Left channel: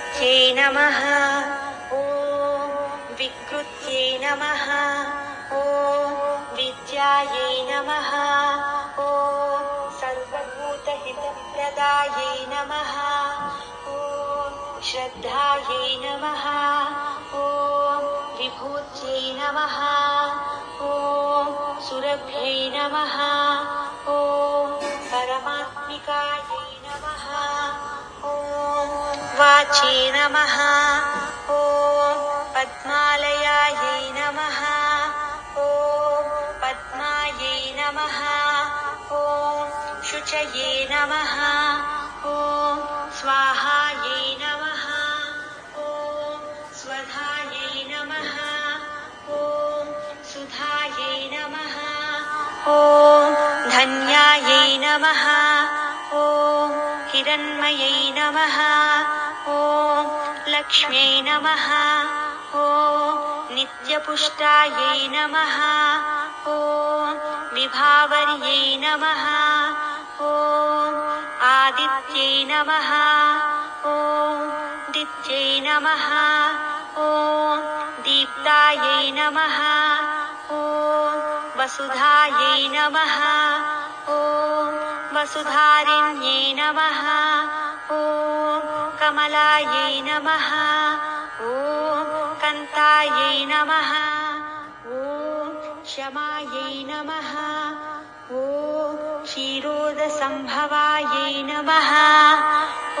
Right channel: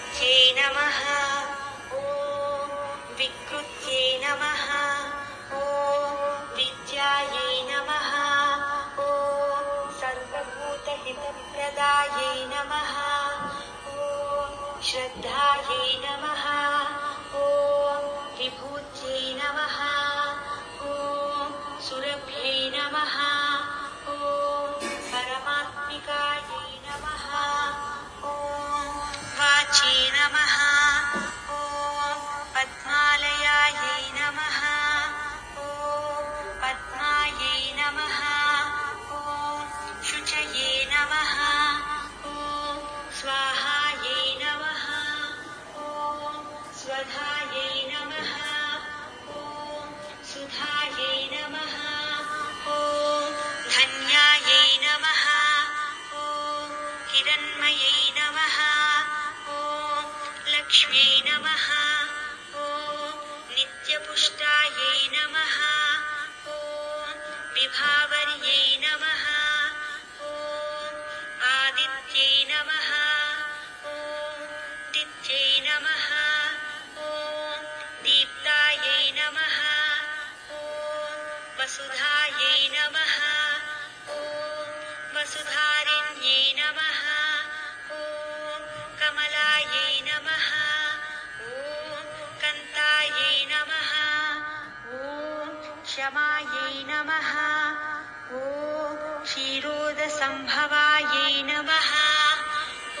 विकृत्यै नमः। ॐ विकृत्यै नमः। ॐ विद्यायै नमः। ॐ सर्वभूतहितप्रदायै नमः। ॐ श्रद्धायै नमः। ॐ विभूत्यै नमः। ॐ सुरभ्यै नमः। ॐ परमात्मिकायै नमः। ॐ वाचे नमः। ॐ पद्मालयायै नमः। ॐ पद्मायै नमः। ॐ शुचये नमः। ॐ स्वाहायै नमः। ॐ स्वधायै नमः। ॐ सुधायै नमः। ॐ धन्यायै नमः। ॐ हिरण्मयै नमः। ॐ लक्ष्म्यै नमः। ॐ नित्यपुष्टायै नमः। ॐ विभावर्यै नमः। ॐ आदित्यै नमः। ॐ दित्यै नमः। ॐ दीप्तायै नमः। ॐ वसुधायै नमः। ॐ वसुधारिण्यै नमः। ॐ कमलायै नमः। ॐ कान्तायै नमः। ॐ क्षमायै नमः। ॐ क्षीरोदसम्भवायै नमः।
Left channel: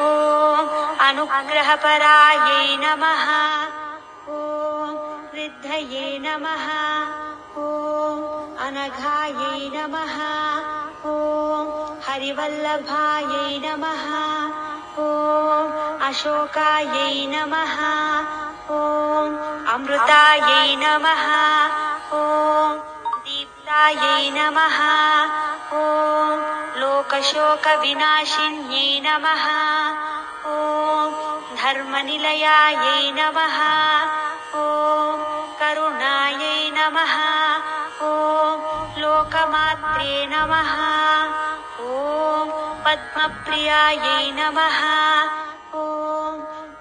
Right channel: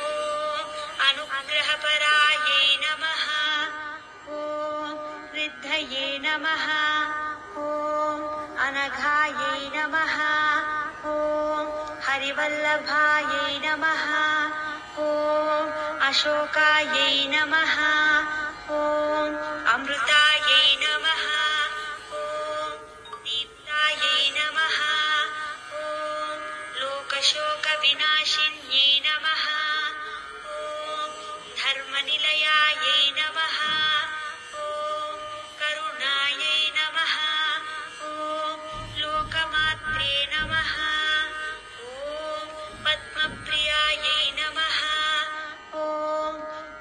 ॐ अनुग्रहपरायै नमः। ॐ वृद्धये नमः। ॐ अनघायै नमः। ॐ हरिवल्लभायै नमः। ॐ अशोकायै नमः। ॐ अमृतायै नमः। ॐ दीप्तायै नमः। ॐ लोकशोकविनाशिन्यै नमः। ॐ धर्मनिलयायै नमः। ॐ करुणायै नमः। ॐ लोकमात्रे नमः। ॐ पद्मप्रियायै नमः। ॐ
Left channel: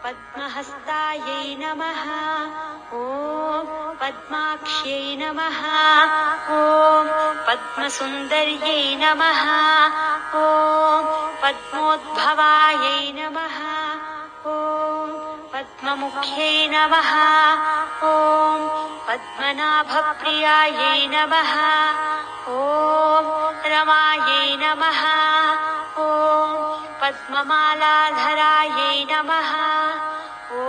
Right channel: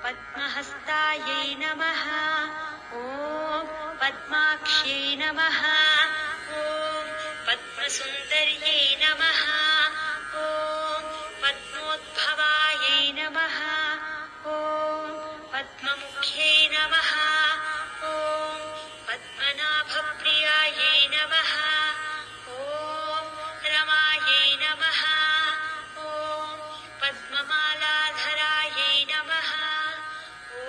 पद्महस्तायै नमः। ॐ पद्माक्ष्यै नमः। ॐ पद्मसुन्दर्यै नमः। ॐ पद्मोद्भवायै नमः। ॐ पद्ममुख्यै नमः। ॐ पद्मनाभप्रियायै नमः। ॐ रमायै नमः। ॐ पद्ममालाधरायै नमः। ॐ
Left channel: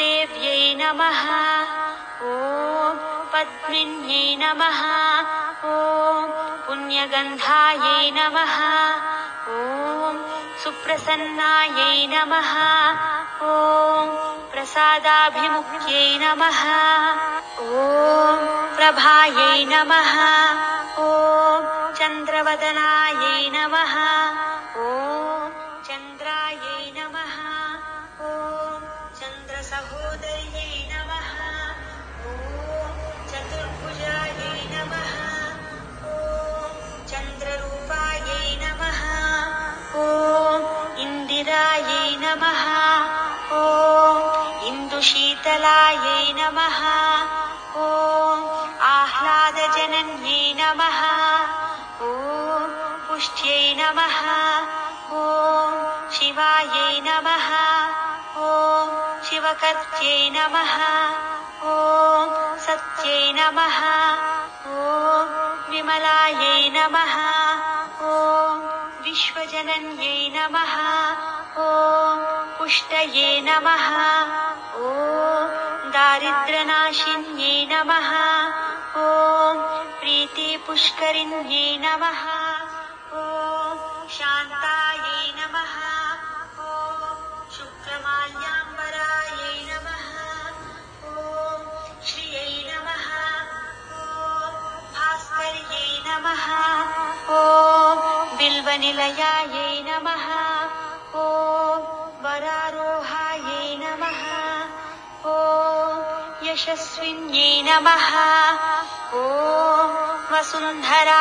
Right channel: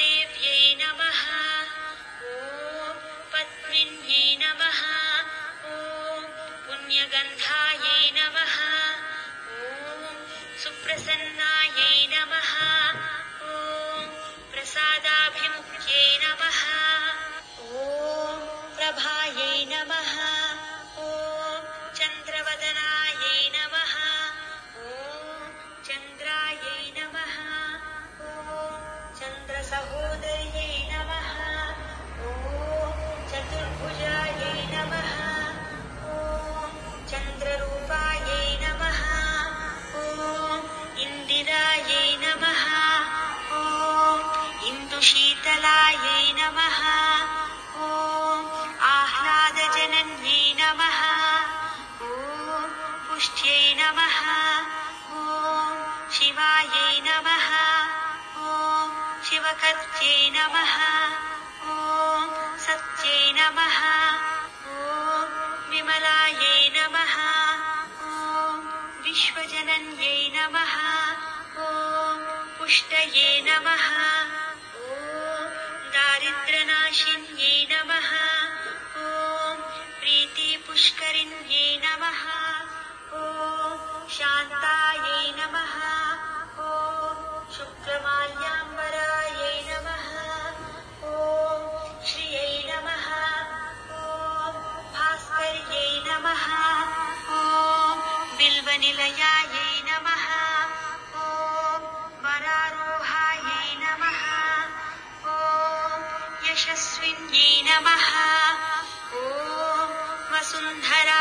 देव्यै नमः। ॐ पद्मिन्यै नमः। ॐ पुण्यगन्धायै नमः। ॐ सुप्रसन्नायै नमः। ॐ प्रसादाभिमुख्यै नमः। ॐ प्रभायै नमः। ॐ चन्द्रवदनायै नमः। ॐ चन्द्रायै नमः। ॐ चन्द्रसहोदर्यै नमः। ॐ चतुर्भुजायै नमः। ॐ चन्द्ररूपायै नमः। ॐ इन्दिरायै नमः। ॐ इन्दुशीतलायै नमः। ॐ आह्लादजनन्यै नमः। ॐ पुष्ट्यै नमः। ॐ शिवायै नमः। ॐ शिवकर्त्यै नमः। ॐ सत्यै नमः। ॐ विमलायै नमः। ॐ विश्वजनन्यै नमः। ॐ पुष्टये नमः। ॐ दारिद्र्यनाशिन्यै नमः। ॐ प्रीतिपुष्करिण्यै नमः। ॐ शान्तायै नमः। ॐ शुक्रमाल्याम्बरायै नमः। ॐ श्रियै नमः। ॐ भास्कर्यै नमः। ॐ बिल्वनिलयायै नमः। ॐ वरारोहायै नमः। ॐ यशस्विन्यै नमः। ॐ वसुन्धरा